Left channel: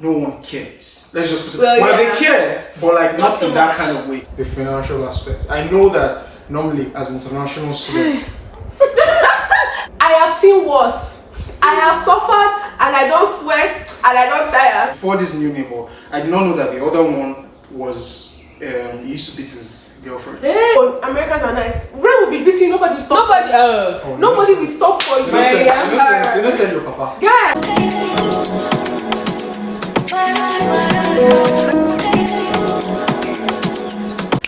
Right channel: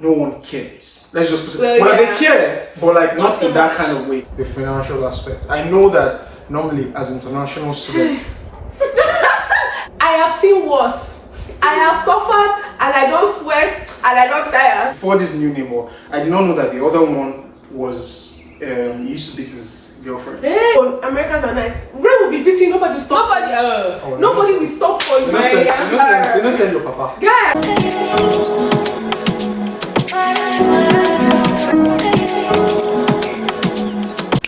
no one cares. Let's just put it. Well, they care, but like not so in that kind of way. The financial aspect. I know that normally as international students, I have seen worse. I have suffered, and I don't sweat, and I don't tire. Before this new neighbor, I did not know that the other one was he used to beat his girlfriend. Hey, Americans are nice. Ray will be beating, nobody will stop. Nobody will stop for you. They don't send your papa. Yeah.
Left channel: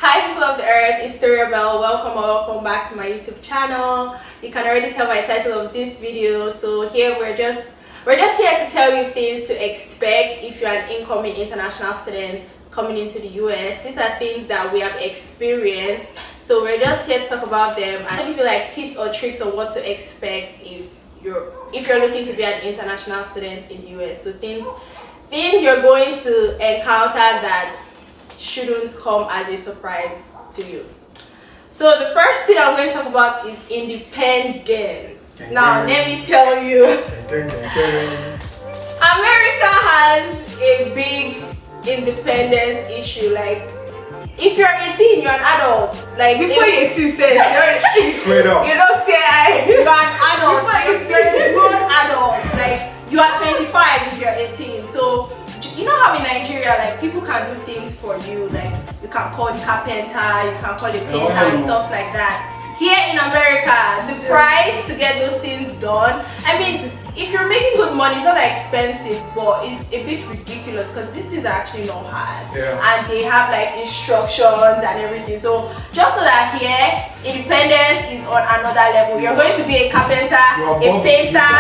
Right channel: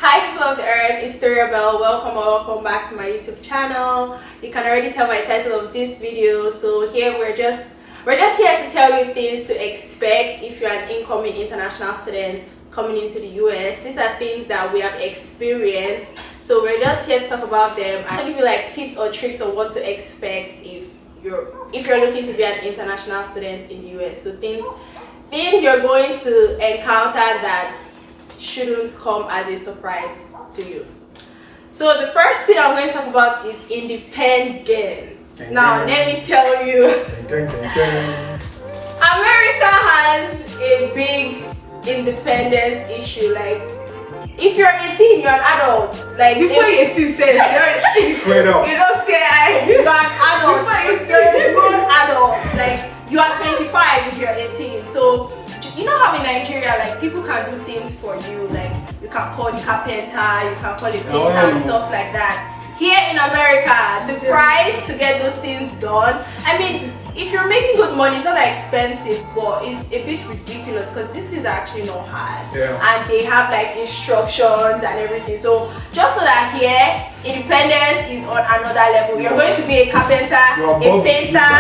Hi people of the earth, it's Toriabelle. Welcome back to my YouTube channel. You can already tell by the title of this video. So here we're just here to tell you things to expect if you're an incoming international student coming into the US. These are things that we have experienced, so we're just here to talk about them and give you like tips or tricks on what to expect if you're looking to be an international student in the US. So things you're going to encounter that shouldn't come as a surprise to you. So the first thing I'm going to talk about is independence. Now let me tell you, America has a big independence issue. Like if you're 18, you're an adult. Like before you're 18, say you're 18. Straight up. You don't say you're an adult. You're a grown adult. Like you are 25 if you're 18. So you know how in Nigeria, like people can do things for you. Like you can call the carpenter, you can call the painter and stuff like that. Here in America, the price to get those things done, I mean, if you're making good money, it's not that expensive, but it's a bit ridiculous because these things are actually not hard. And they have like instructions and everything. So just so that here, independence is on another level. You're going to be a carpenter, a painter,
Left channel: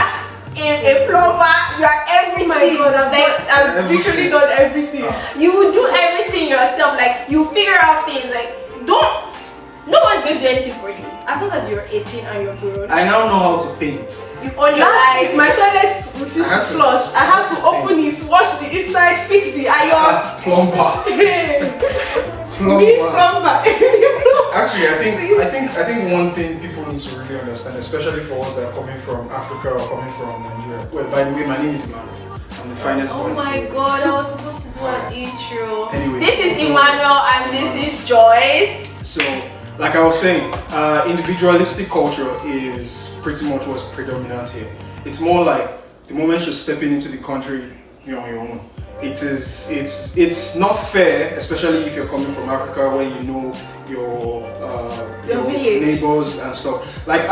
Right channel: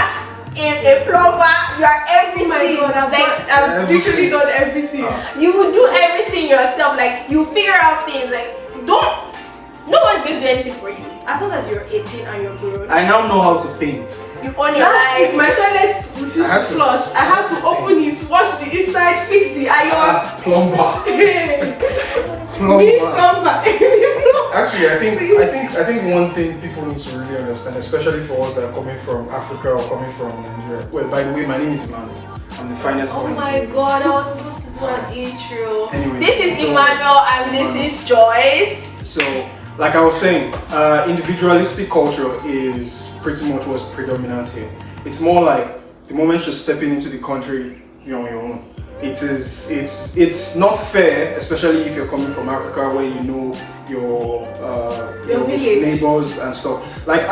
a plumber, you are everything. Oh my God, I've literally done everything. You will do everything yourself. Like you figure out things. Like no one's going to do anything for you as long as you're 18 and you're grown. I now know how to paint. You own your life. My toilet refused to flush. I had to open it, wash the inside, fix the iron. Plumber. Plumber. Actually, I think one thing people need to really understand, especially for us that are coming from Africa or coming from Nigeria. Well, by the way, my name is Emmanuel. I'm the finest boy. Oh my God, I was supposed to do an intro. Anyway, this is Emmanuel and this is Joyce. So, like I was saying, individualistic culture is pretty much what's predominant here. It's more like the moment you're stepping into the country, you're on your own. It's not fair, especially if you're coming from Africa where you know your neighbors and stuff. Like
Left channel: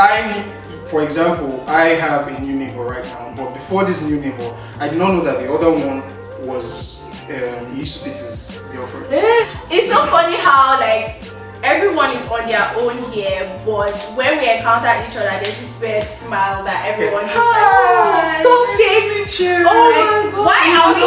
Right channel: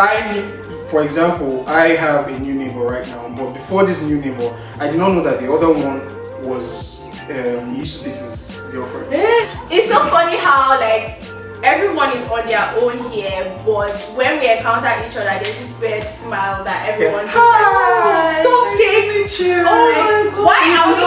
for example, I have a new neighbor right now, but before this new neighbor, I did not know that the other one was he used to beat his girlfriend. It's so funny how like everyone is on their own here, but when we encounter each other, there's this weird smile that everyone is like, so fake. Oh my God. Why are we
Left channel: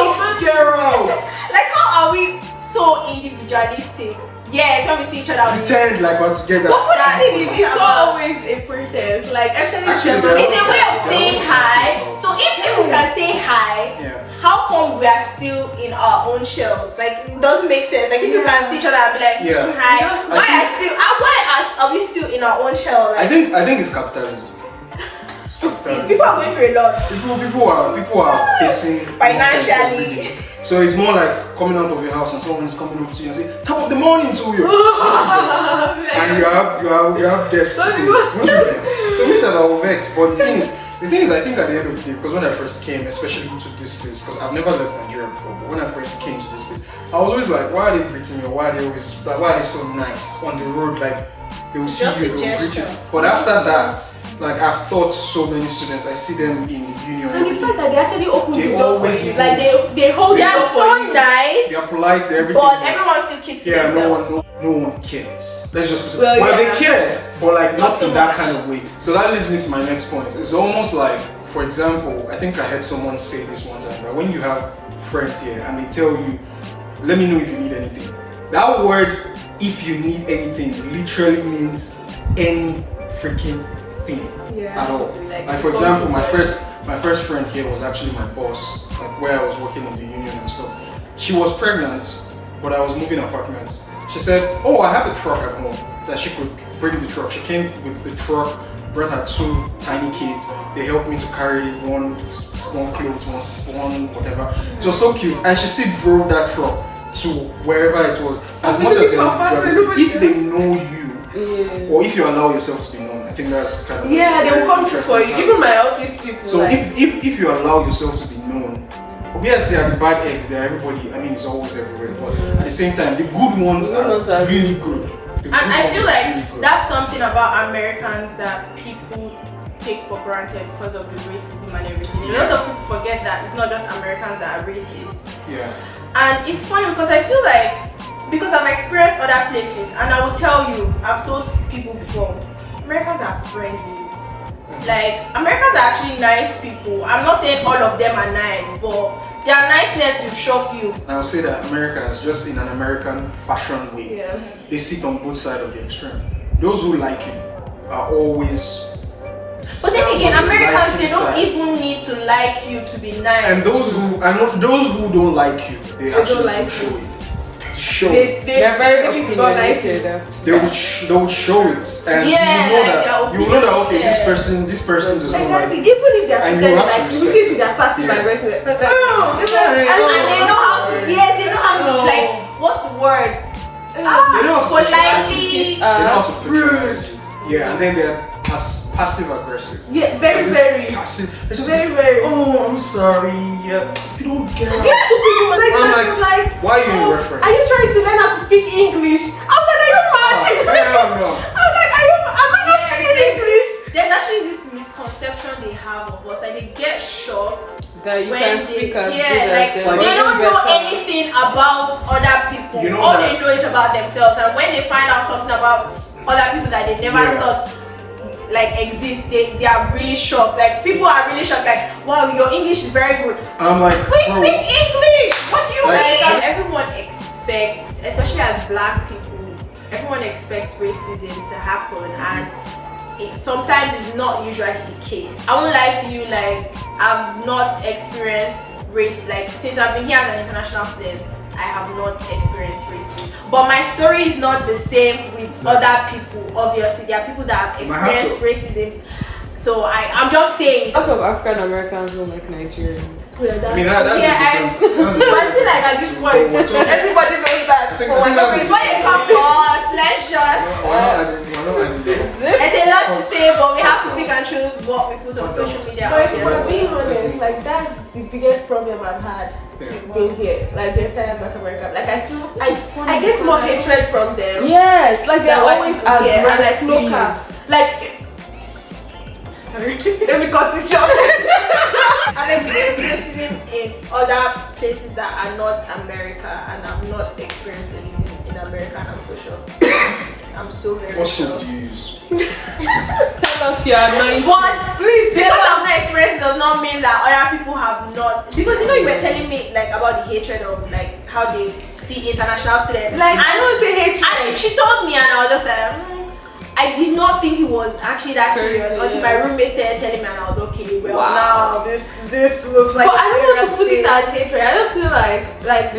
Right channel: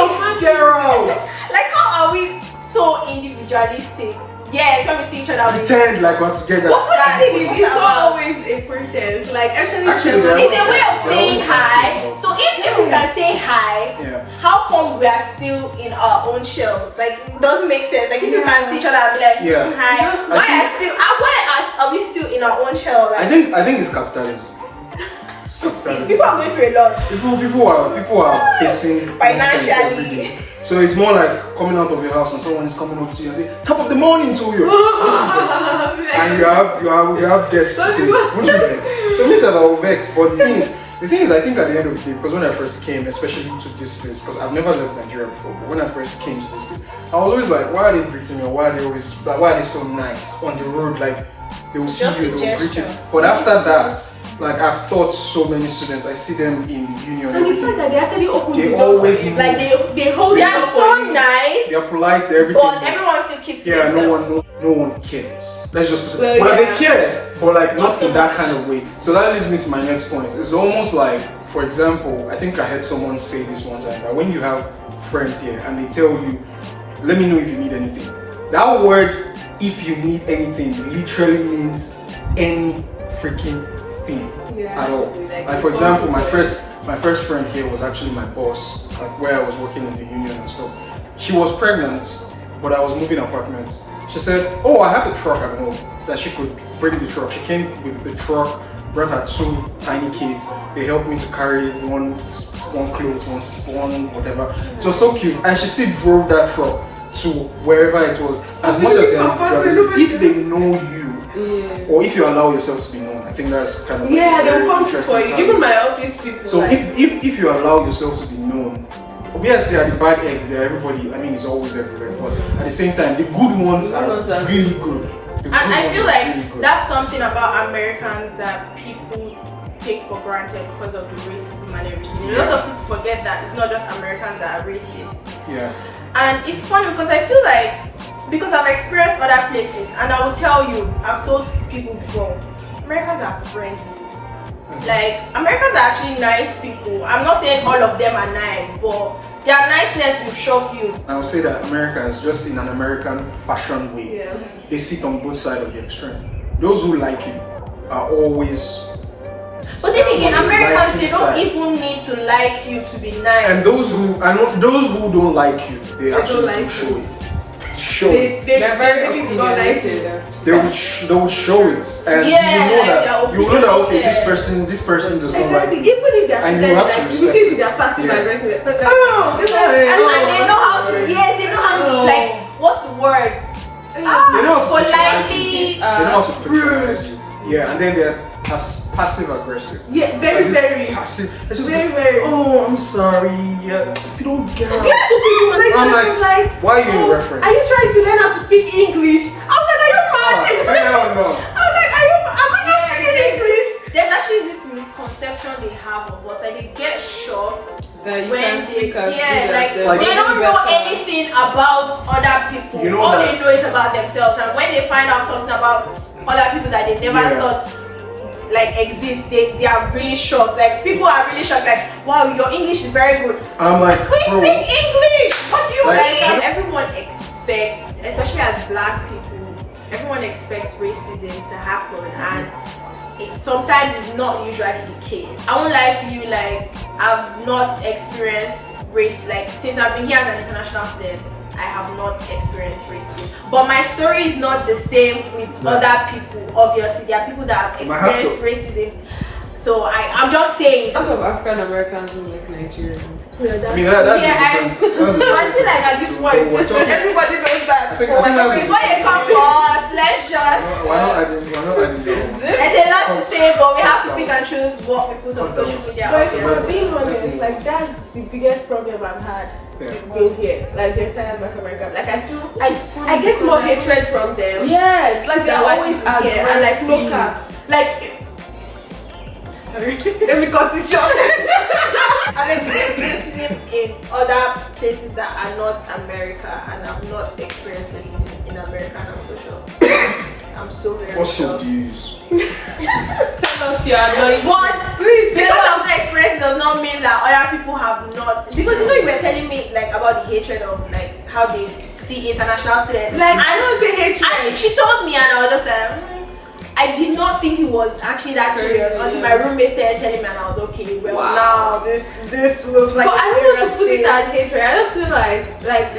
like, how are we so individualistic? Yes, when we see each other, pretend like we're together. But for that thing, it's not always a pretense. Like actually it's a way of saying hi. So if we can say hi, how come we are still in our own shells? Like it doesn't make sense. Like if you can see each other and be like, hi, why are we still in our own shell? Like, I think it's capitalism. People are going through a lot. People are facing financially. So it's more like coming out of your house and someone is coming up to you and say, "Top of the morning to you," and you have debts to pay. So this is about vex. But the thing is, I think at the end of the day, because when I first came, especially to this place, because I've never left Nigeria before, but when I first came to this place, I was always like, why are they greeting me? Or why are they so nice on the road? Like they will see you, they will greet you. But after that, like I've taught so many students, I see them in union. And the fact that they actually open the door always move. Like they hold it up. They are so nice. They are polite, they're everything. But everyone still keeps it. No one cares. Let's just put it. Well, they care, but like not in that kind of way. So that leads me to my next point. It's almost like, for example, I think I heard someone say this one time, that when you have friends here and they tell you, let me know if you need anything. That word, if you need anything, literally means any freaking thing at all. Like for example, my first friend here was actually my boss, like where I was working in the union and stuff. She was pregnant, but I was moving apartments. She said, "Oh, I have a truck at home that she could bring the truck." She came with the truck brought her 2 tiny kids. They helped me to carry one clothes, one whatever. It was so cute, and she still drove that truck to wherever it was. As much as if they know you, or if you allow yourself to be known, I think that's kind of they will come through for you. Even my office people. So if you allow yourself to be known, obviously there are the bad eggs, there are everybody. I mean, it's always everywhere, but at the same time, the good ones are really good. And I feel like that's something about Americans that people take for granted because of the racism and everything. A lot of people forget that it's not just Americans that are racist. Yeah. And it's funny because I feel like, because I've experienced other places, and I will tell you, I've told people before, Americans are friendly. Like, Americans are actually nice people. I'm not saying all of them are nice, but their niceness will shock you. I would say that Americans, just in an American fashion way, they sit on both sides of the extreme. Those who like you are always. But then again, Americans, they don't even need to like you to be nice. And those who don't like you, they actually do show it. They very don't like it. They would show it, and you know that okay, this person does not like you. Even if they're and you have to respect it. They're passive aggressive. And they know how to. Yes, they know how to like. What's the word? They know how to politely. They know how to patronize you. Yeah, and then they're passive aggressive. Yeah, very passive. Very. Oh, I'm sorry. Yeah, if you don't get out. I'm like, why are you in reference? Are you trying to learn how to speak English? I'm like, are you mad? I don't know. I'm like, am I not speaking English? There's actually this misconception they have of us, like they get shocked when they don't know anything about other people. All they know is about themselves, and when they find out something about other people that they never thought like exist, they are really shocked. Like people are really shocked, like, wow, your English is very good. I'm like, we speak English. What do you mean? Everyone expects, especially as black people, everyone expects racism to happen, and sometimes it's not usually the case. I won't lie to you, like I've not experienced race, like since I've been here as an international student, I have not experienced racism. But my story is not the same with other people. Obviously, there are people that have experienced racism. So I'm just saying. A lot of African Americans don't like Nigerians. I mean that's a different. I feel like at this point, everybody knows that. Before they come for us, let's just. Why not adding There's a lot to say, but we have to pick and choose what we put on social media. But being honest, like that's the biggest problem I've had being here. Like the entire Black American. Like I feel I get more hatred from them. Yes, like they're always here and like local. Like sorry, let me cut this short. I've experienced racism in other places that are not America, and I've not experienced racism in America, and I'm so sure. I'm so very What soap do you use? What? Please, because I've not experienced does not mean that other people have not. Because you know you were telling me like about the hatred of like how they see international students. Like I don't say hatred. And she told me, and I was just like. I did not think it was actually that serious until my roommate started telling me, and I was okay. Well, now this looks like. But I don't want to put it as hatred. I just feel like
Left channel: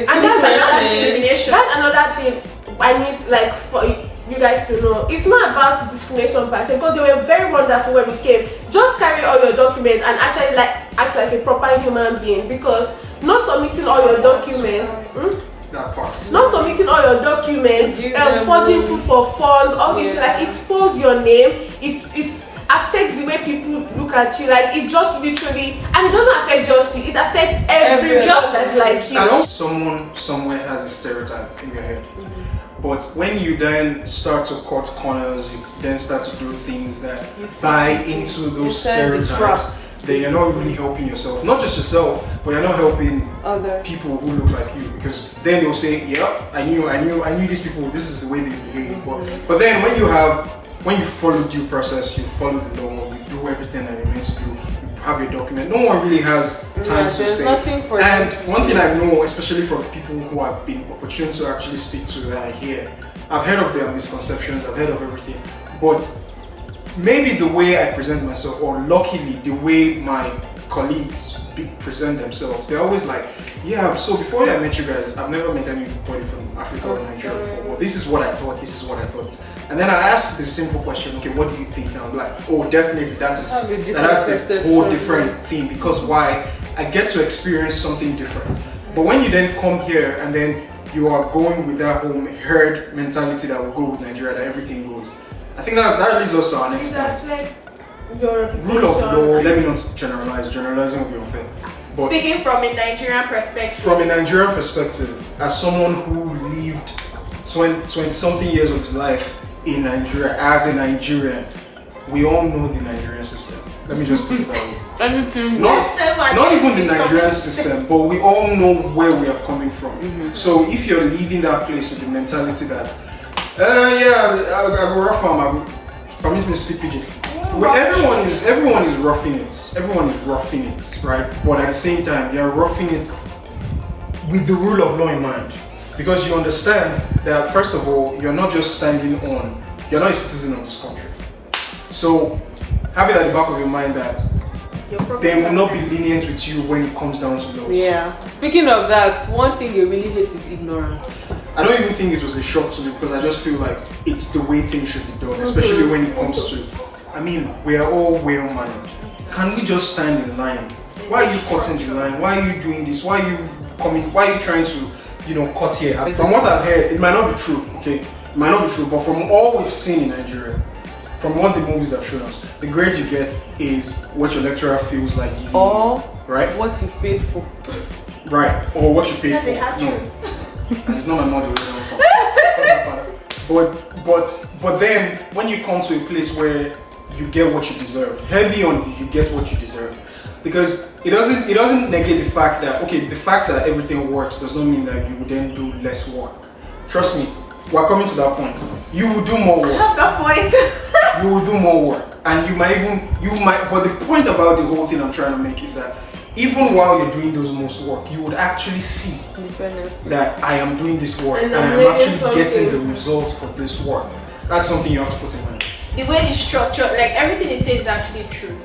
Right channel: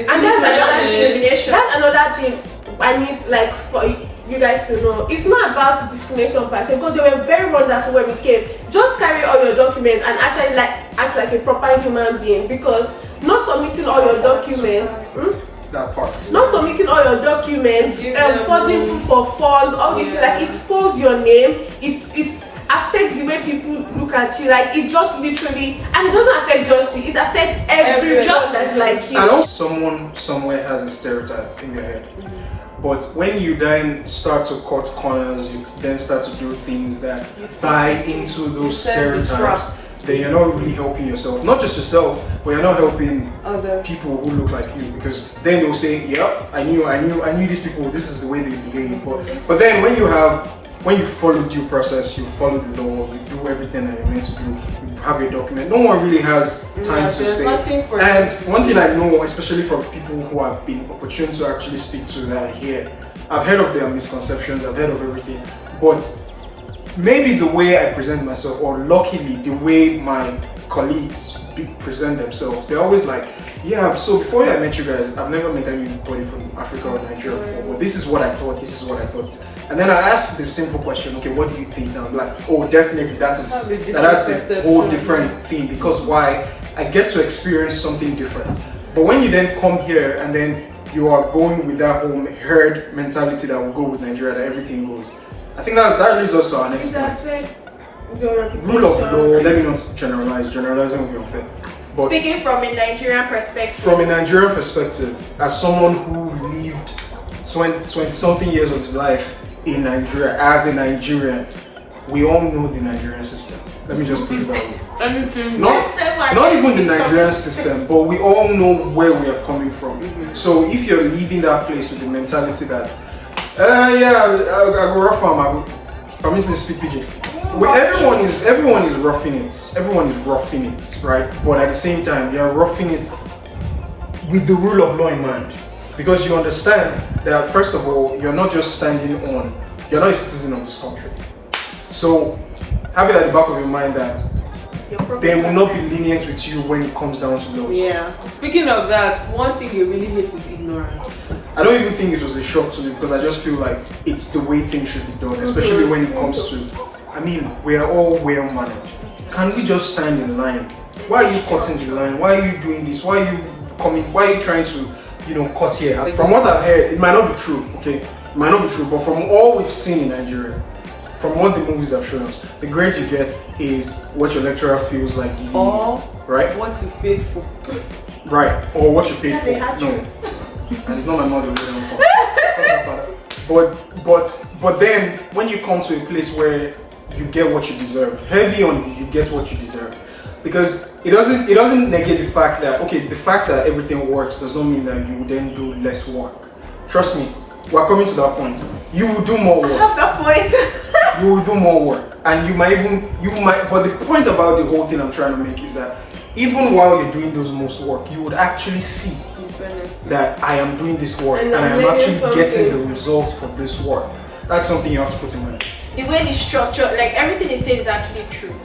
and that's discrimination. That's another thing I need like for you guys to know. It's not about discrimination per se, because they were very wonderful when we came. Just carry all your documents and actually like act like a proper human being, because not submitting all your documents. That part. Not submitting all your documents, forging proof of funds, all this, like it spoils your name. It affects the way people look at you. Like it just literally, and it doesn't affect just you. It affects every job that's like you. I know someone somewhere has a stereotype in your head, but when you then start to cut corners, you then start to do things that buy into those stereotypes. Then you're not really helping yourself, not just yourself, but you're not helping people who look like you, because then they'll say, "Yeah, I knew these people. This is the way they behave." But then when you follow due process, you follow the law, you do everything that you're meant to do, you have your document. No one really has time to say. And one thing I know, especially from people who have been opportune to actually speak to that are here, I've heard of their misconceptions, I've heard of everything, but maybe the way I present myself, or luckily the way my colleagues present themselves. They're always like, yeah, so before I met you guys, I've never met anybody from Africa or Nigeria before, but this is what I thought, this is what I thought. And then I asked the simple question, okay, what do you think? And I'm like, oh, definitely that's a whole different thing, because why? I get to experience something different. But when you then come here and then you are going with that whole herd mentality that will go with Nigeria, that everything goes. I think that leads us to our next point. Rule of law, let me not generalize, generalizing will be unfair. But speaking from a Nigerian perspective. From a Nigerian perspective, as someone who lived 20 something years of his life in Nigeria, as a Nigerian, we all know the Nigerian system. Let me just put it that way. Not even the Nigerian system, but we all know where we are coming from. So if you're leaving that place with the mentality that, I go rough farm, permit me to speak pidgin. Well, everyone is roughing it. Everyone is roughing it, right? But at the same time, you're roughing it with the rule of law in mind, because you understand that first of all, you're not just you're not a citizen of this country. So have it at the back of your mind that they will not be lenient with you when it comes down to laws. Yeah. Speaking of that, one thing you really hate is ignorance. I don't even think it was a shock to me, because I just feel like it's the way things should be done, especially when it comes to, I mean, we are all well managed. Can we just stand in line? Why are you cutting the line? Why are you doing this? Why are you coming? Why are you trying to, cut here? From what I've heard, it might not be true, okay? It might not be true, but from all we've seen in Nigeria, from what the movies have shown us, the grade you get is what your lecturer feels like giving you, right? What you paid for. Right, or what you paid for. No. And it's not my model. But then when you come to a place where you get what you deserve, heavy on you get what you deserve, because it doesn't negate the fact that the fact that everything works does not mean that you would then do less work. Trust me, we're coming to that point. You will do more work. I have that point. You will do more work, and you might. But the point about the whole thing I'm trying to make is that even while you're doing those most work, you would actually see that I am doing this work and I am actually getting the results for this work. That's something you have to put in mind. The way the structure, like everything is said, is actually true.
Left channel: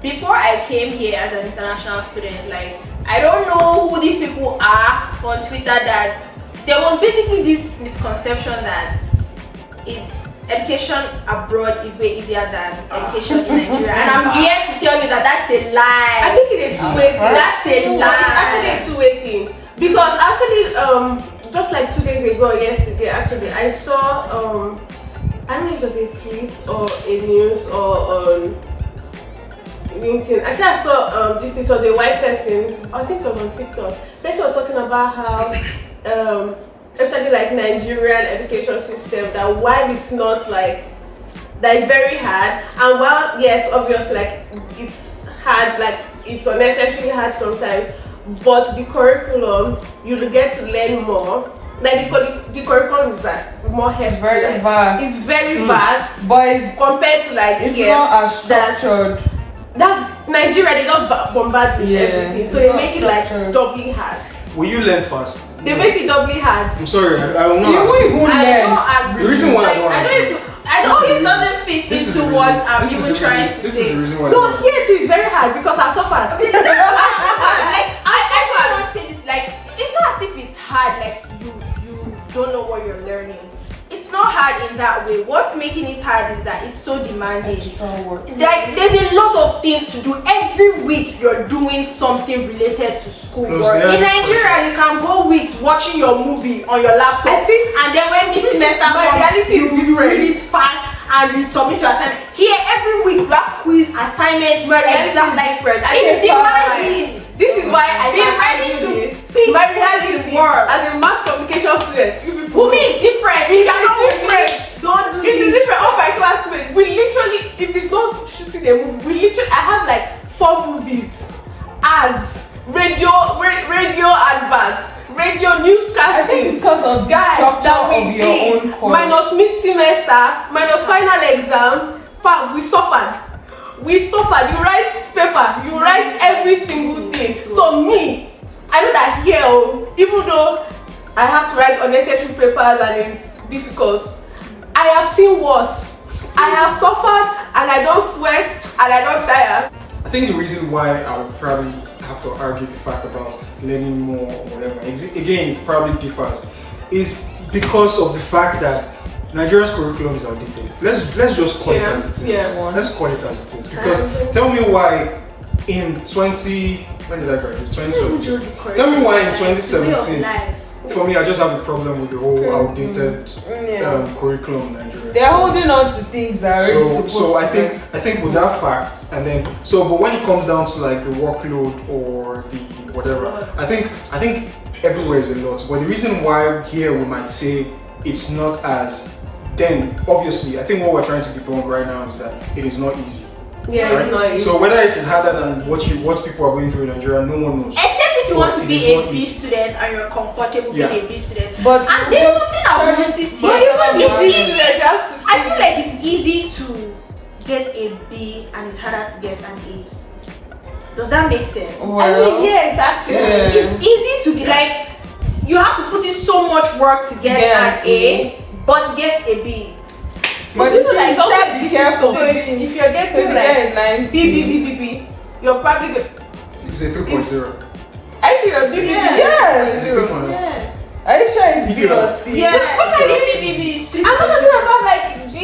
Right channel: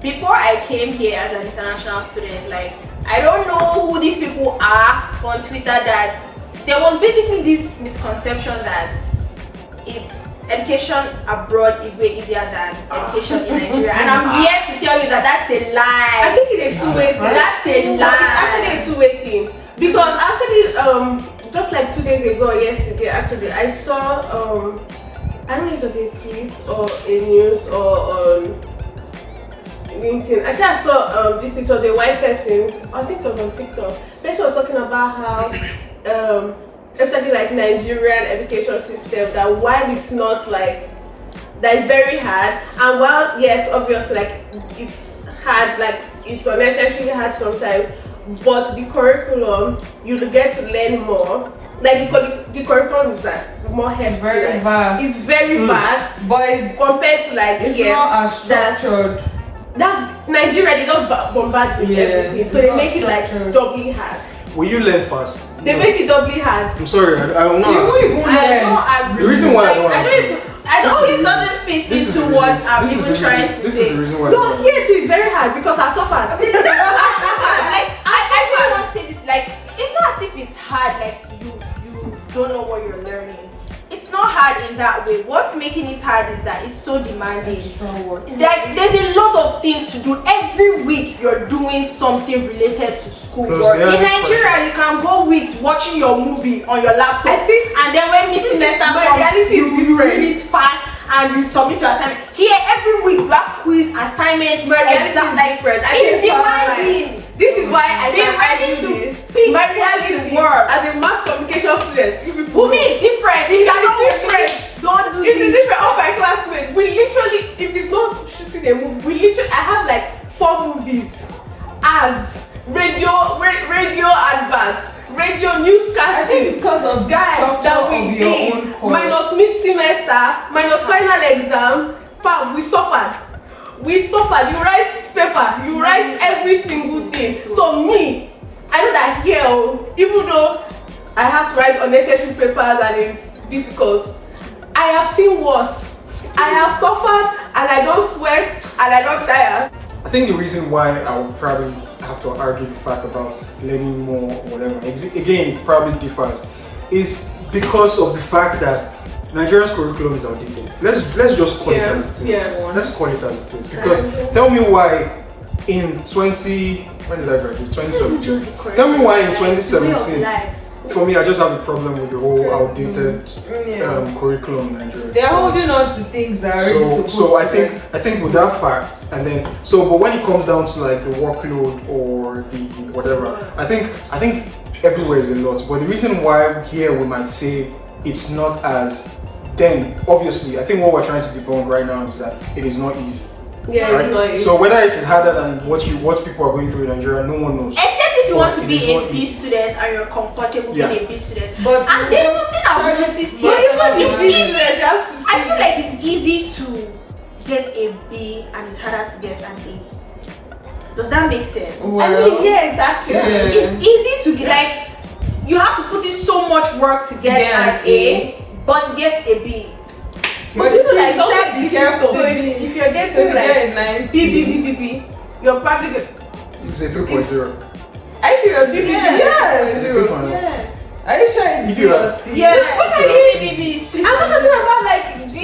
Before I came here as an international student, like I don't know who these people are on Twitter, that there was basically this misconception that education abroad is way easier than education in Nigeria, and I'm here to tell you that that's a lie. I think it's a two-way thing. That's a lie. It's actually a two-way thing, because actually, just like 2 days ago, yesterday, actually, I saw I don't know if it was a tweet or a news or on LinkedIn. Actually, I saw this. It was a white person. I think it was on TikTok. The person was talking about how especially like Nigerian education system, that while it's not like that, it's very hard, and while yes, obviously like it's hard, like it's unnecessarily hard sometimes, but the curriculum, you get to learn more. Like the curriculum is like more hefty. Very vast. It's very vast, but it's, compared to like it's here. not as structured. That's Nigeria. They don't bombard with everything, so they make it like doubly hard. Will you learn fast? They make it doubly hard. I'm sorry, I don't know. I don't agree. The reason why I don't think it doesn't fit into what I'm even trying to say. This is the reason why. No, here too is very hard because I suffered. Like I really want to say this. Like it's not as if it's hard. Like you don't know what you're learning. It's not hard in that way. What's making it hard is that it's so demanding. Like there's a lot of things to do. Every week you're doing something related to school. In Nigeria, you can go weeks watching your movie on your laptop, and then when mid semester comes, you read it fast and you submit your assignment. Here, every week you have quiz, assignment, exam. Like it's demanding. This is why I be ready to pick my reality work as a mass communication student. Umi is different. It's different. Don't do this. It is different. All my classmates, we literally, if it's not shooting a movie, we literally, I have like 4 movies, ads, radio adverts, radio newscasting. I think it's because of guys that we did minus mid semester, minus final exam. Fam, we suffered. You write paper, you write every single thing. So me, I know that here, even though I have to write unnecessary papers and it's difficult, I have seen worse. I have suffered and I don't sweat and I don't tire. I think the reason why I have to argue the fact about learning more or whatever. Again, it probably differs. Is because of the fact that Nigeria's curriculum is outdated. Let's just call it as it is. Let's call it as it is. Because tell me why in when did I graduate? 2017. Tell me why in 2017. For me, I just have a problem with the whole outdated curriculum in Nigeria. They're holding on to things that are so I think with that fact, and then but when it comes down to like the workload or the whatever, I think everywhere is a lot. But the reason why here we might say it's not as, then obviously I think what we're trying to debunk right now is that it is not easy. Yeah, right? It's not easy. So whether it is harder than what people are going through in Nigeria, no one knows. Except if you want to be a B student and you're comfortable being a B student. But and there's something I've noticed here. I feel like it's easy to get a B and it's harder to get an A. Does that make sense? Well, I mean, yes, actually. It's easy to get, like, you have to put in so much work to get an A, but to get a B. But people like check the careful. So if you're getting like B, you're probably good. It's a 3.0. Actually, you're doing Yes. Are you sure it's if you are yes. What are B? I'm not talking about like B,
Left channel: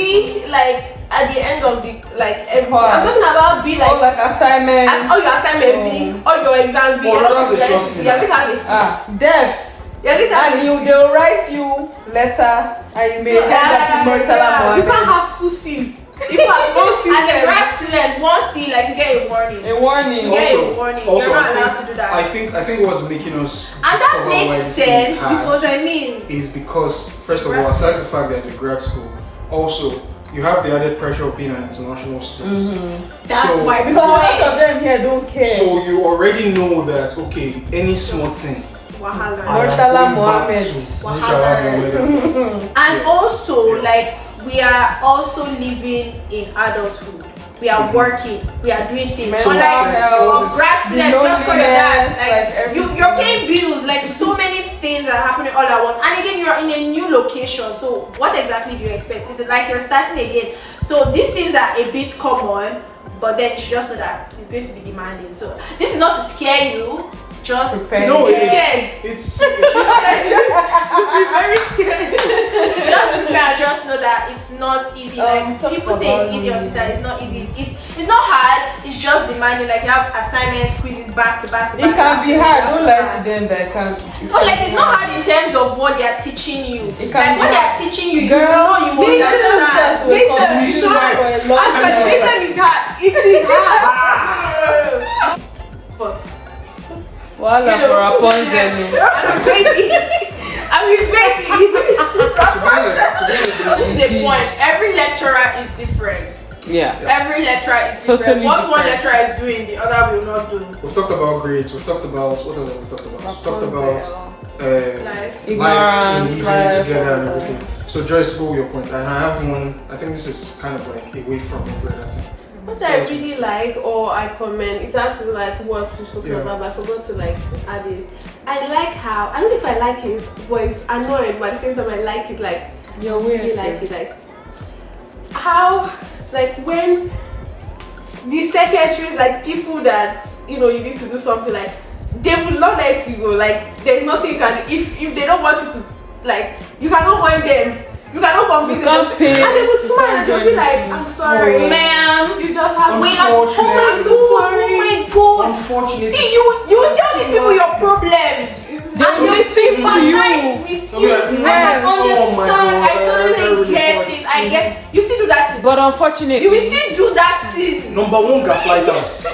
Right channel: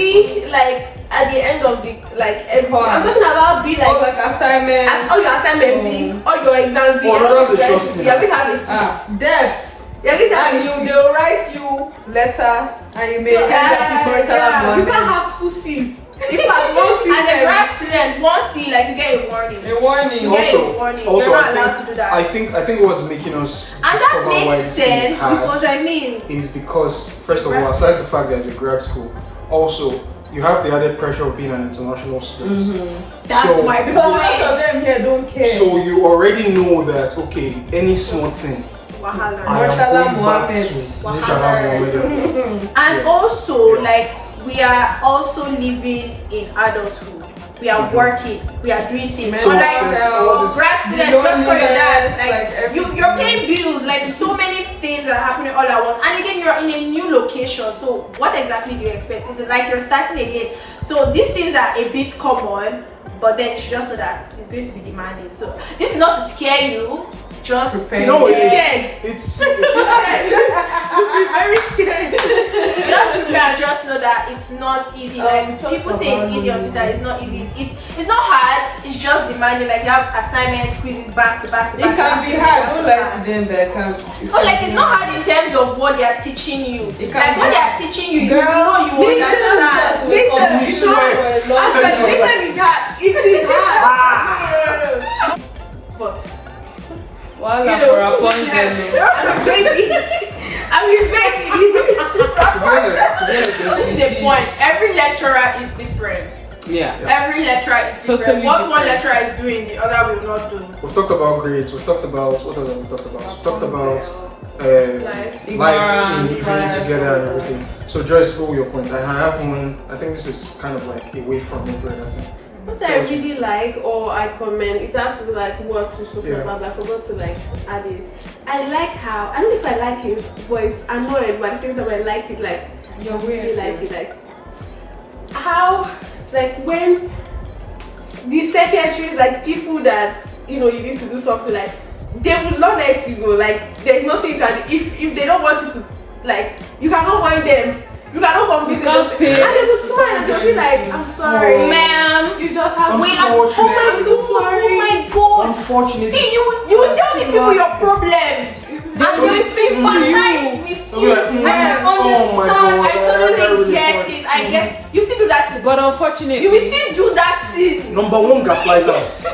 like at the end of the I'm talking about B like assignment. All your assignment B, all your exams B. Oh, no, that's a short scene. You're going to have a C. Devs. And they'll write you letter and you may get that you can't have 2 C's. If I one C and the grad student, 1 C, like you get a warning. A warning. You get a warning. You're not allowed to do that. I think what's making us and that makes sense because is because first of all, aside the fact that it's a grad school, also you have the added pressure of being an international student. That's my point. Most of them here don't care. So you already know that any small thing. I am going back to and also like we are also living in adulthood. We are working, we are doing things. So like grad students, just call your dad. Like you're paying bills, like so many things are happening all at once. And again, you're in a new location. So what exactly do you expect? Is it like you're starting again? So these things are a bit common, but then you should just know that it's going to be demanding. So this is not to scare you. Just prepare. No, it's very scary. Just prepare and just know that it's not easy. Like people say it's easy on Twitter, it's not easy. It's not hard, it's just demanding. Like you have assignments, quizzes back to back to back. It can be hard, don't lie to them that can no, like it's not hard in terms of what they are teaching you. Like what they are teaching you, you know you understand. You sweat. It is hard. But I'm a baby. This is the point. Every lecturer is different. Yeah. Every lecturer is different. Totally what one lecturer is doing, the other will not do. We've talked about grades. We've talked about what else have we talked about? We've talked about life and living together and everything. So Joyce, go with your point. And I have one. I think this is kind of like away from every other thing. What I really like or I commend, it has to be like what you spoken about, but I forgot to like add it. I like how, I don't know if I like his voice, annoyed, but at the same time I like it, like, you really like it, like, how, like when the secretaries, like people that, you need to do something, like, they would not let you go, like, there's nothing you can, if they don't want you to, like, you cannot wind them. You cannot compete them. And they will smile and they'll be like, I'm sorry. Ma'am. You just have wait, oh my god. Unfortunately. See, you will tell these people your problems. And they will sympathize with you. I can understand. I totally get it. I get. You still do that thing. But unfortunately, you will still do that thing. Number one, gaslighters.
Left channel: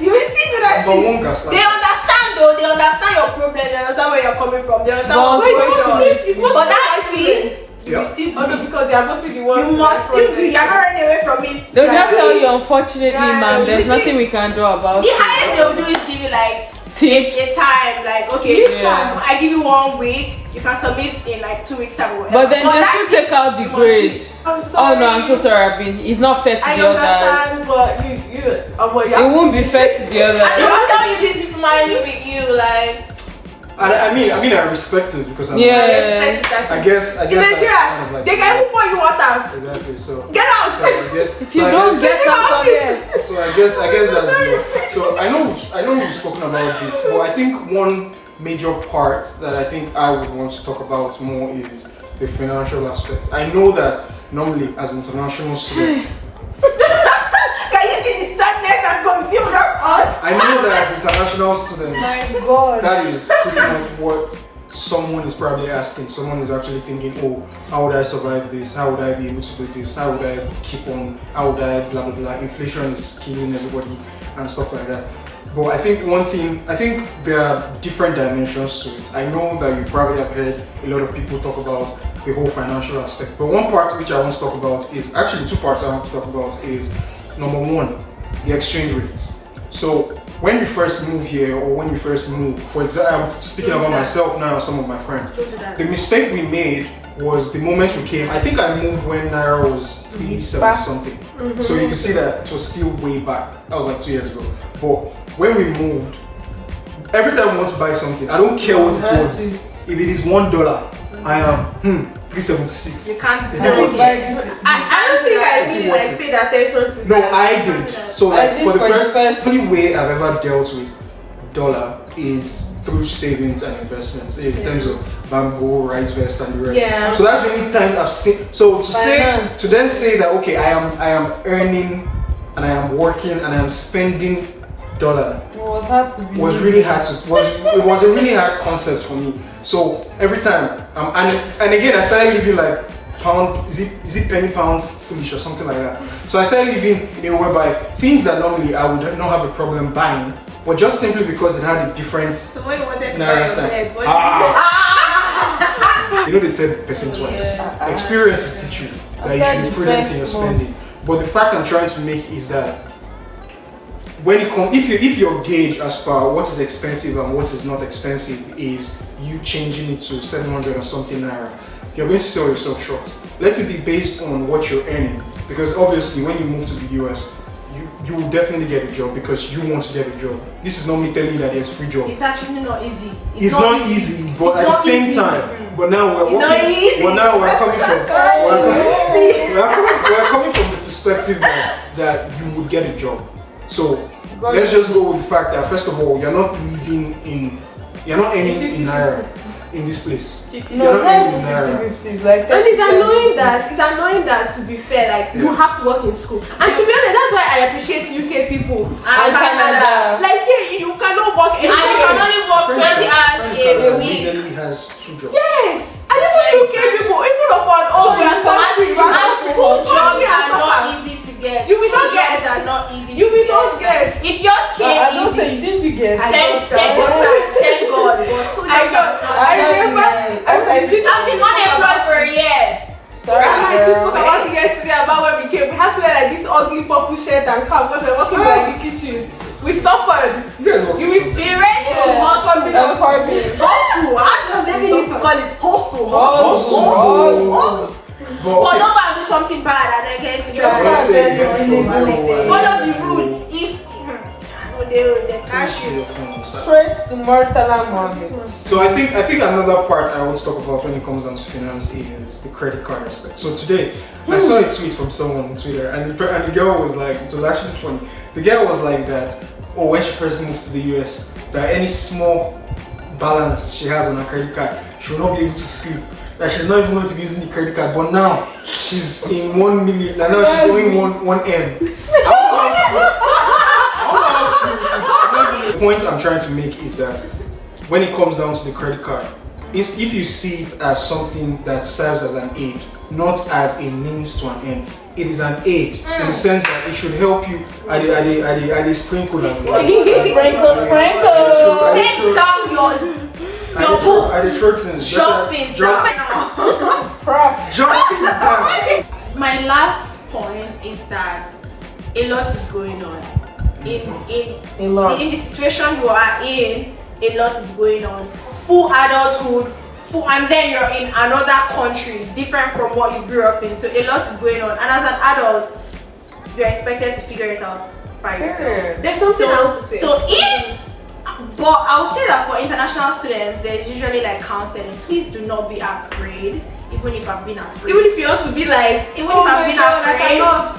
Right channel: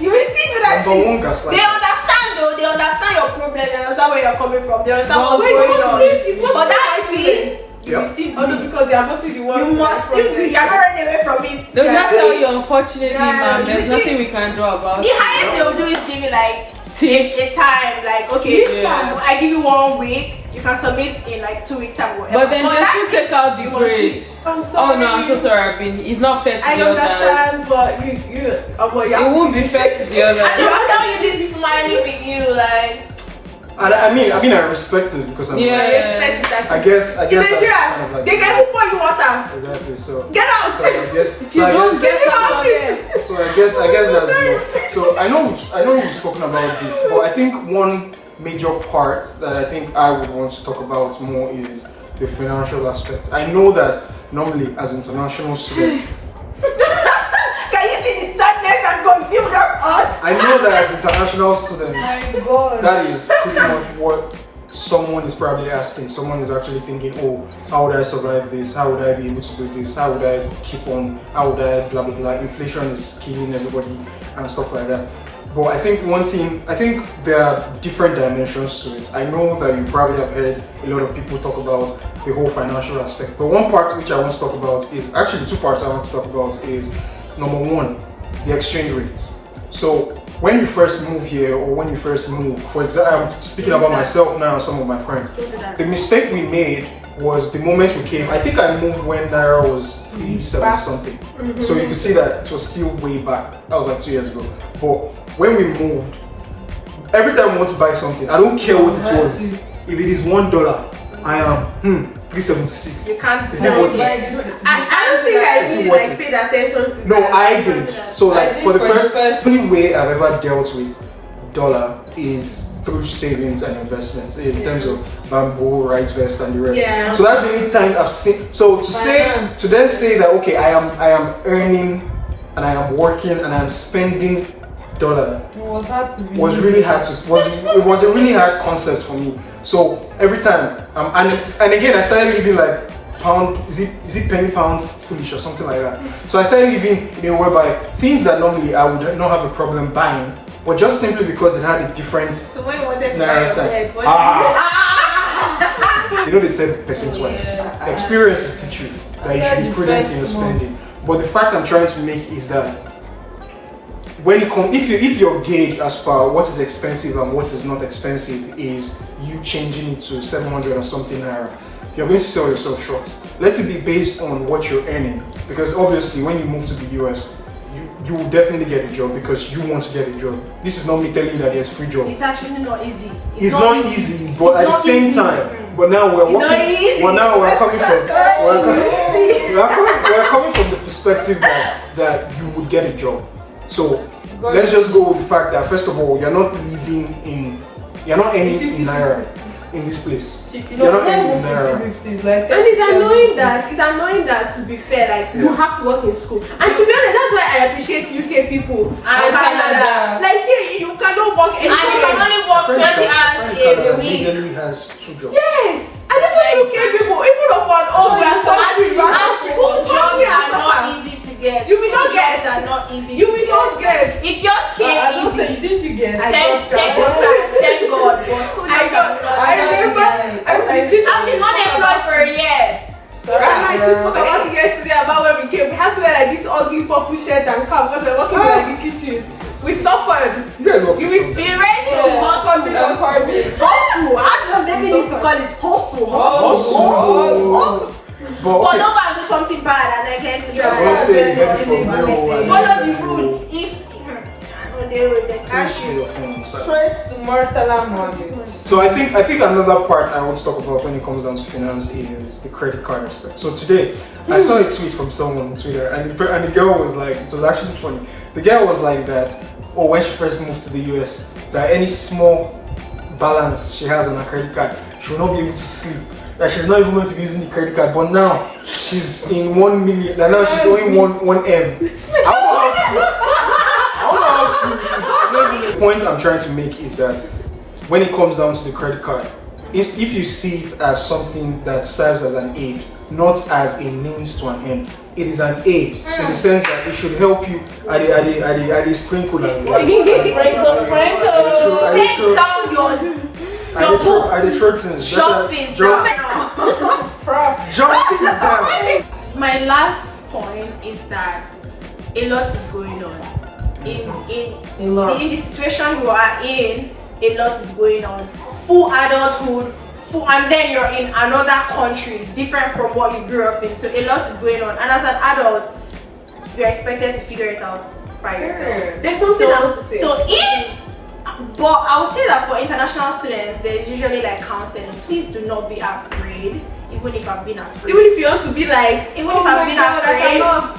You will still do that Number thing. one, gaslighters. They understand though. They understand your problem. They understand where you're coming from. They understand what's going on. But that thing. You will still do it because they are mostly the ones. You must still do. You are not running away from it. They'll just tell you, unfortunately, ma'am, there's nothing we can do about it. The highest they will do is give you like a time, like okay, I give you 1 week. You can submit in like 2 weeks time or whatever. But then they still take out the grade. I'm sorry. Oh no, I'm so sorry, Abin. It's not fair to I the others. understand, but you it won't be fair to the others. And they will tell you this is smiling with you, like. I mean, I respect it because I'm. I respect it. I guess in Nigeria, that's kind of like. They can even pour you water. Exactly. So. Get out. So I guess. So I guess that's more. So I know we've spoken about this, but I think one major part that I think I would want to talk about more is the financial aspect. I know that normally as international students. Can you see the sadness that confused us all? I know that as international students, My God. that is pretty much what someone is probably asking. Someone is actually thinking, oh, how would I survive this? How would I be able to do this? How would I keep on? How would I blah blah blah? Inflation is killing everybody and stuff like that. But I think there are different dimensions to it. I know that you probably have heard a lot of people talk about the whole financial aspect. But one part which I want to talk about is actually two parts I want to talk about is number one, the exchange rates. So when you first move here or when you first move, for example, I'm speaking about myself now and some of my friends. The mistake we made was the moment we came. I think I moved when Naira was 87 something. So you can see that it was still way back. That was like 2 years ago. But when we moved, every time we want to buy something, I don't care what it was. If it is $1, I am 376. You can't Is it worth it? I don't think I really like paid attention to No, that. I did. So like for the first only way I've ever dealt with dollar is through savings and investments in terms of bamboo, rice vest, and the rest. Yeah. So that's the only time I've seen. So to then say that okay, I am earning and I am working and I am spending dollar was really hard to it was a really hard concept for me. So every time and again I started living like pound is it penny pound foolish or something like that. So I started living in a way whereby things that normally I would not have a problem buying, but just simply because it had a different. So when you wanted to buy your head, what you know the 30% wise. Experience will teach you that you should be prudent in your spending. But the fact I'm trying to make is that when it comes, if your gauge as per what is expensive and what is not expensive is you changing it to 700 or something naira, you're going to sell yourself short. Let it be based on what you're earning, because obviously when you move to the US, you will definitely get a job because you want to get a job. This is not me telling you that there's free job. It's actually not easy. It's not easy, but at the same time, but now we're working. Well, now we're coming from we're coming from the perspective that you would get a job. So let's just go with the fact that first of all, you're not earning in naira in this place. You're not earning in naira. And it's annoying that to be fair, like you have to work in school. And to be honest, that's why I appreciate UK people and Canada. Like here, you cannot work anywhere. And you can only work 20 hours a week. Legally has 2 jobs. Yes. I don't UK people, even upon all we are suffering. And school jobs are not easy to get. You will not jobs get. are not easy You to will get. not get. If yours came easy, Didn't you get? thank God. But school jobs are not I've been unemployed for a year. And my sister spoke about it yesterday about when we came. We had to wear like this ugly purple shirt and cap when we were working in the kitchen. We suffered. You guys work. You will be ready to hustle. Hustle. How does they need to call it? Hustle. But don't go and do something bad and then get to Don't say it from follow the rule. If they catch you. Trace to mortal mortgage. So I think another part I want to talk about when it comes down to finance is the credit card aspect. So today I saw a tweet from someone on Twitter, and the girl was like, it was actually funny. The girl was like that, when she first moved to the US, that any small balance she has on her credit card, she will not be able to sleep. That she's not even going to be using the credit card, but now she's in 1 million. Like now she's owing 1 M. The point I'm trying to make is that when it comes down to the credit card, if you see it as something that serves as an aid, not as a means to an end, it is an aid in the sense that it should help you at the sprinkle and Take down your book. at the throat things. Drop things down. My last point is that a lot is going on. In the situation you are in, a lot is going on. Full adulthood, and then you're in another country different from what you grew up in. So a lot is going on, and as an adult, you're expected to figure it out by yourself. There's something I want to say. So if But I would say that for international students, there's usually like counseling. Please do not be afraid, even if I've been afraid. Even if you want to be like, Even if I've been afraid, I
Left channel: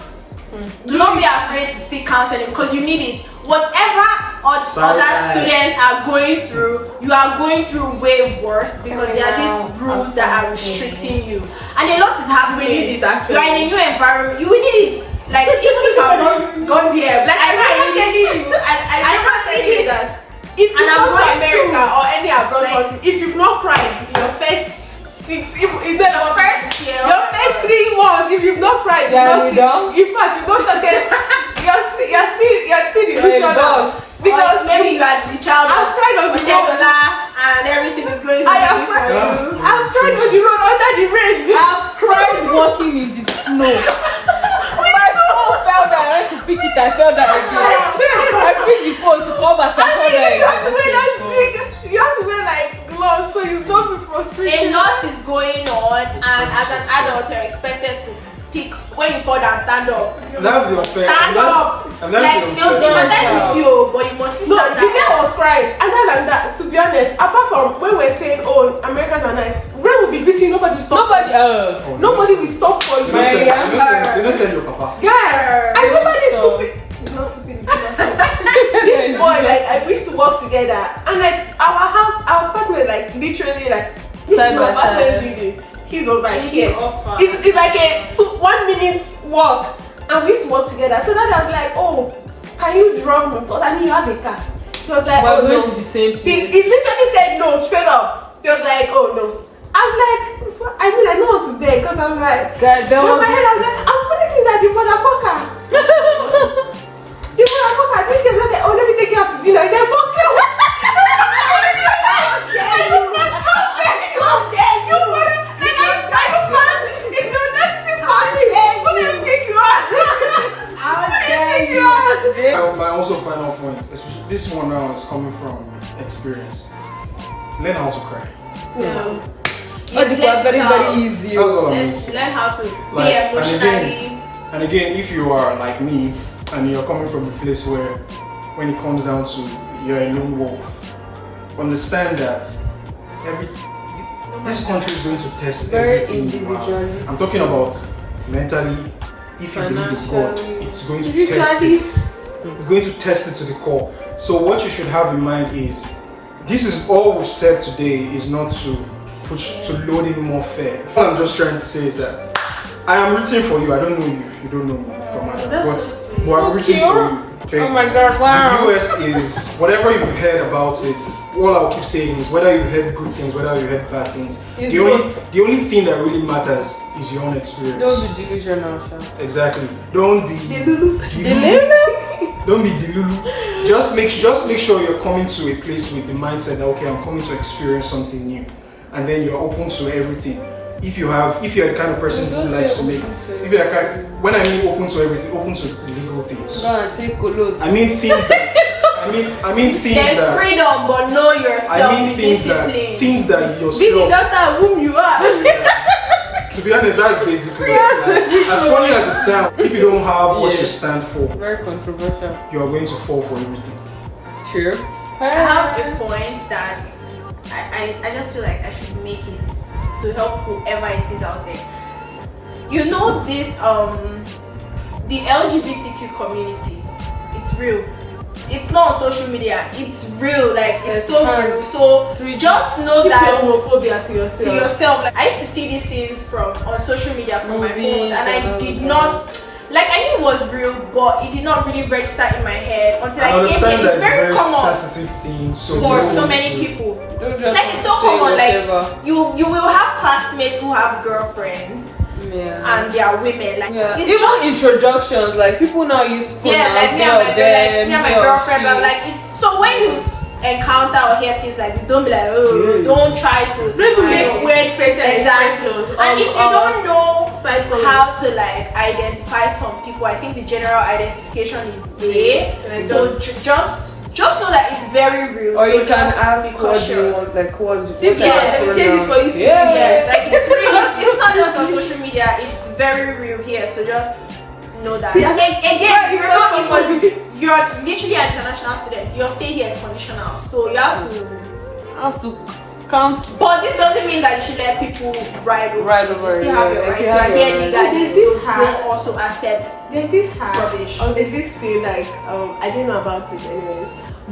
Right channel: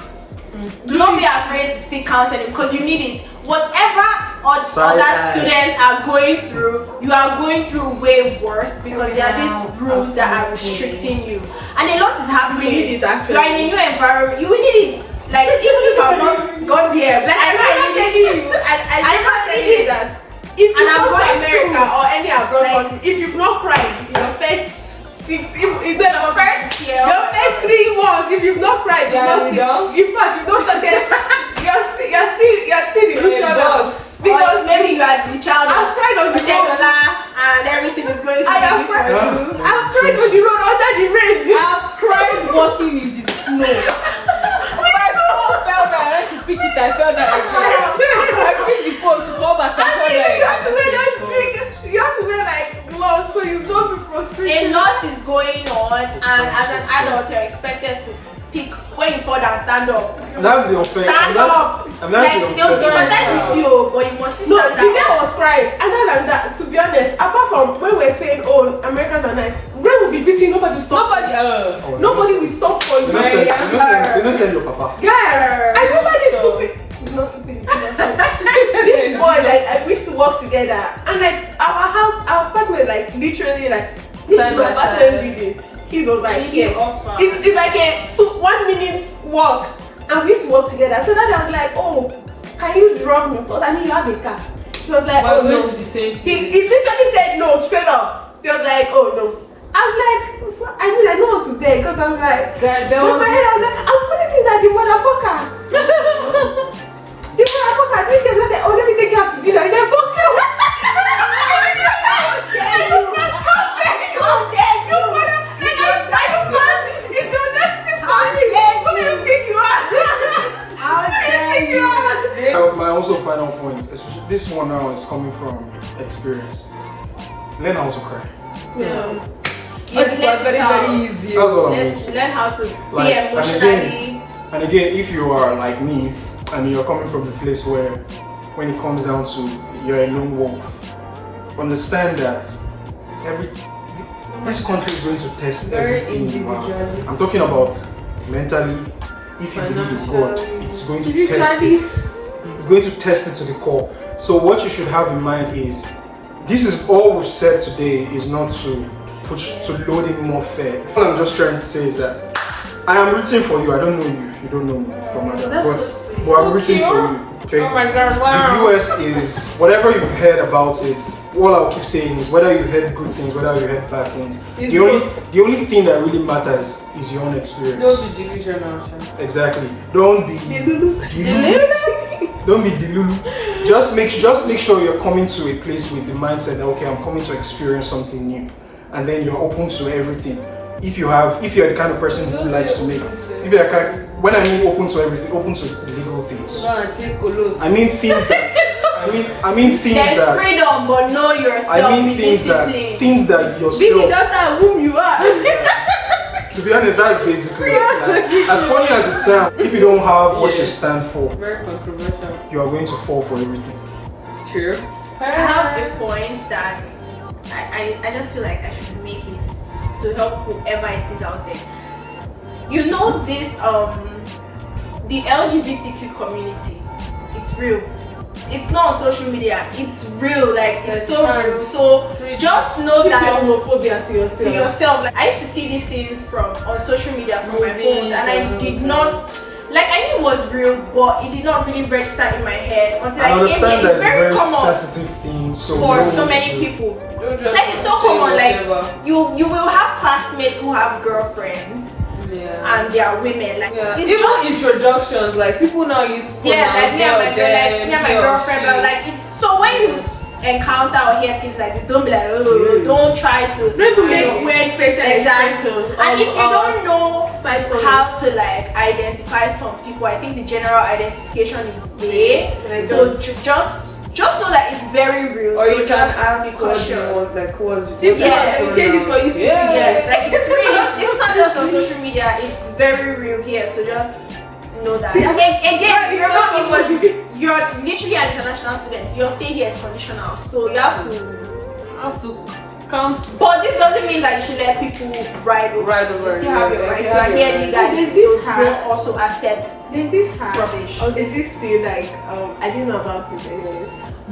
do not be afraid to seek counseling because you need it. Whatever other students are going through, you are going through way worse because there are these rules that are restricting you, and a lot is happening. You are in a new environment. You will need it. Like even if I'm not gone there, like I need it. I don't need it. That if you I'm go going to America soon. or any abroad Like, country, if you've not cried in your first 6, Your first year, your first 3 months, if you've not cried, you've not in fact, you've not started. You're still delusional. Because maybe you are the child I've of cried on the road. and everything is going I have smoothly for cried. you. I've cried on the road under the rain. I've cried walking in the snow. My phone fell down. I went to pick it and fell down again. I picked the phone to come back and You have to wear that big. You have to wear like gloves so you don't be frustrated. A lot is going on, and as an adult, you're expected to pick when you fall down, stand up. And that's the unfair. Stand up. Like they'll sympathize with you, but you must No, stand the guy up. was crying. Other than that, to be honest, apart from when we're saying, oh, Americans are nice, when we'll be beating, nobody will stop. Nobody will stop for you. They don't send your papa. Yeah, I remember this stupid. This boy, like, I used to work together, and like our apartment, like literally, like this is my apartment building. He was like, here. It's like a 1 minute walk, and we used to work together. So then I was like, oh, can you drop me? Because I mean, you have a car. He was like, oh no. He literally said no straight up. He was like, oh no. I was like, I mean, I know what to beg because I was like, in my head I was like, I'm funny things like the motherfucker. The motherfucker, this is like, oh, let me take you out to dinner. I said, fuck you. How dare you? It's your nasty family. Let me take you out. How dare you? My also final point, especially this one now, is coming from experience. Learn how to cry. Yeah. Very easy. That's all I'm Learn saying. how to Like, be emotionally. And again, if you are like me and you're coming from a place where, when it comes down to you're a lone wolf, understand that this country is going to test everything you have. I'm talking about mentally. If you believe in God, it's going to test it. It's going to test it to the core. So what you should have in mind is, this is all we've said today is not to load in more fear. What I'm just trying to say is that I am rooting for you. I don't know you. You don't know me from Adam. But I'm rooting for you. Okay? Oh my God, wow. The US is, whatever you've heard about it, all I'll keep saying is whether you heard good things, whether you heard bad things, the only thing that really matters is your own experience. Don't be delusional. Exactly. Don't be delulu. Don't be delulu. Just make sure you're coming to a place with the mindset that, okay, I'm coming to experience something new, and then you're open to everything. If you're the kind of person who likes to make, when I mean open to everything, open to legal things. I mean things that. I mean things There's that. freedom, but know yourself. I mean things that yourself. Be the daughter whom you are. To be honest, that's basically it. Like, as funny as it sounds, if you don't have what you stand for, Very controversial. you are going to fall for everything. True. I have a point that I just feel like I should make it to help whoever it is out there. You know this the LGBTQ community, it's real. It's not on social media, it's real, like it's so real. So just know that homophobia to yourself. Like I used to see these things on social media from my phone, and I did not, like, I knew it was real, but it did not really register in my head until I came here. It's very common sensitive thing, so for so many people. Like it's so common. Like you will have classmates who have girlfriends. Yeah. And they are women, like it's even just introductions, like people now use like me and my girlfriend, but like it's so when you encounter or hear things like this, don't be like, oh, don't try to make weird facial examples. And if you don't know how to like identify some people, I think the general identification is there. So just know that it's very real. Or so you just can ask be cautious. Change it for you. Yes, like it's real. It's not just on social media. It's very real here. So just know that. See, again, you're literally an international student, your stay here is conditional, so you have to count. But this doesn't mean that you should let people ride over. You still have your rights. You are here legally, so don't also accept. There's this hack, rubbish. or there's this thing like I didn't know about it anyways.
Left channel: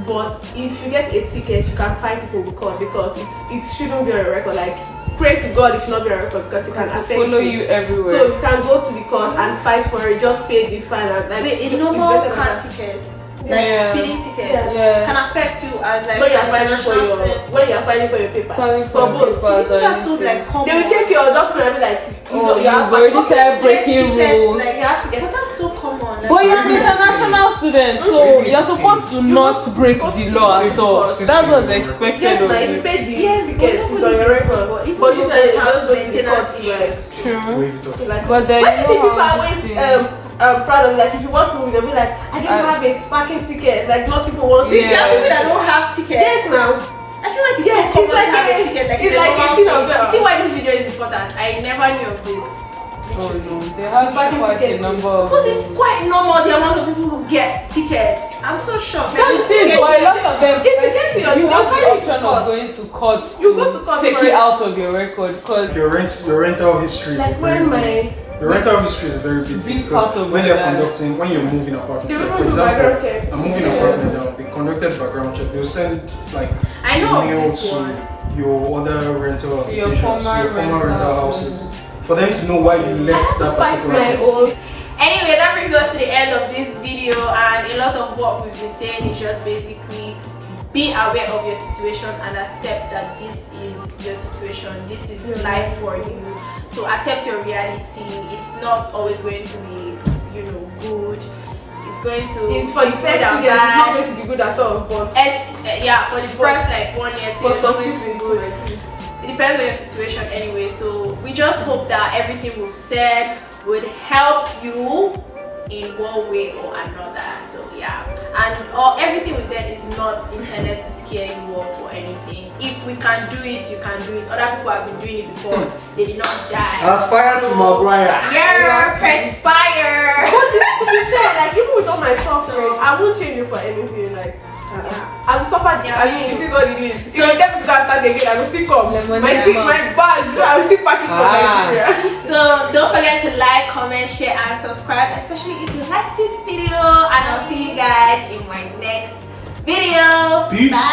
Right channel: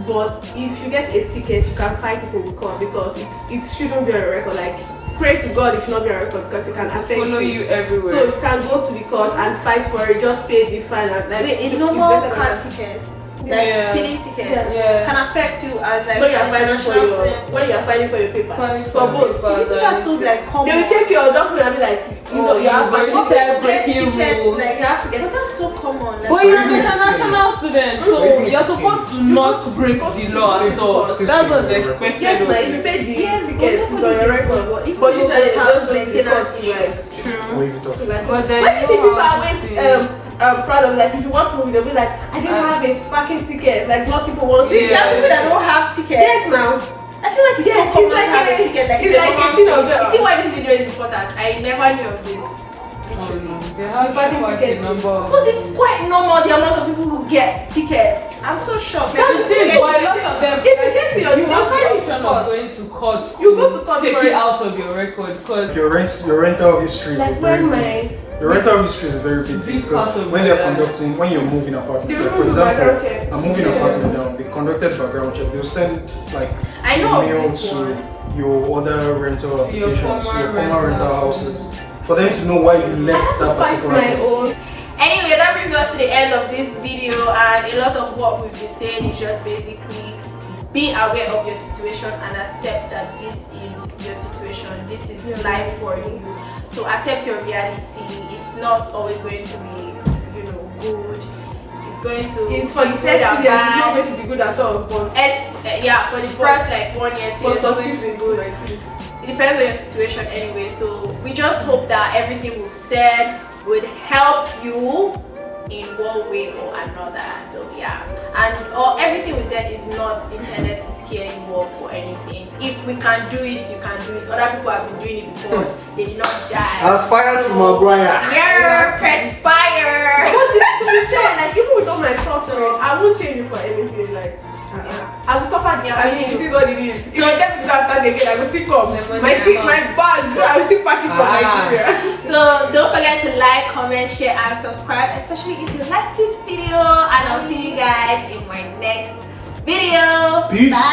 But if you get a ticket, you can fight it in the court because it shouldn't be on your record. Like pray to God it should not be on your record because it can affect you everywhere. So you can go to the court and fight for it. Just pay the fine and like. Wait, a normal car ticket, like speeding ticket, can affect you as like when you are fighting for your paper. For both. So isn't that so like common? They will take your document and be like, you have breaking rules. Like you have to get. But that's so common. Like, but you're an international student, so you're supposed to not break the law at all. That's what's expected. Yes, if you pay the ticket, it's on your record. But usually you just go to the court, Wave it off. But then why do you think people are always proud of like if you want to move, they'll be like, I didn't have a parking ticket. Like not people want to. There are people that don't have tickets. Yes, now. I feel like it's so common to have a ticket. Like it's like a thing of you see why this video is important? I never knew of this. They have quite a number. Because it's quite normal the amount of people who get tickets. I'm so shocked. Like, the thing is, a lot of them, if you get to you your carry option of going to court. You go to court take it out of your record because Your rental history is like a very when big. Your rental history is a very big thing because when you're moving apartments, like for example, I'm moving apartment now, they conducted background check. They'll send like mail to your other rental applications, your former rental houses, for them to know why you left that particular place. Anyway, that brings us to the end of this video, and a lot of what we've been saying is just basically be aware of your situation and accept that this is your situation, this is life for you. So accept your reality. It's not always going to be, good. It's going to it's for the first 2 years, it's not going to be good at all. But for the first like 1 year, 2 years, it's not going to be good. It depends on your situation anyway. So we just hope that everything we've said would help you in one way or another. So and everything we said is not intended to scare you off or anything. If we can do it, you can do it. Other people have been doing it before. They did not die. Aspire to Maguire. Yeah, perspire. But to be fair, like even with all my suffering, I won't change it for anything. Like I will suffer. I mean, it is what it is. So if them to start again, I will still come. My bags, I will still pack it from Nigeria. So don't forget to like, comment, share, and subscribe, especially if you like this video. And I'll see you guys in my next video. Peace. Bye.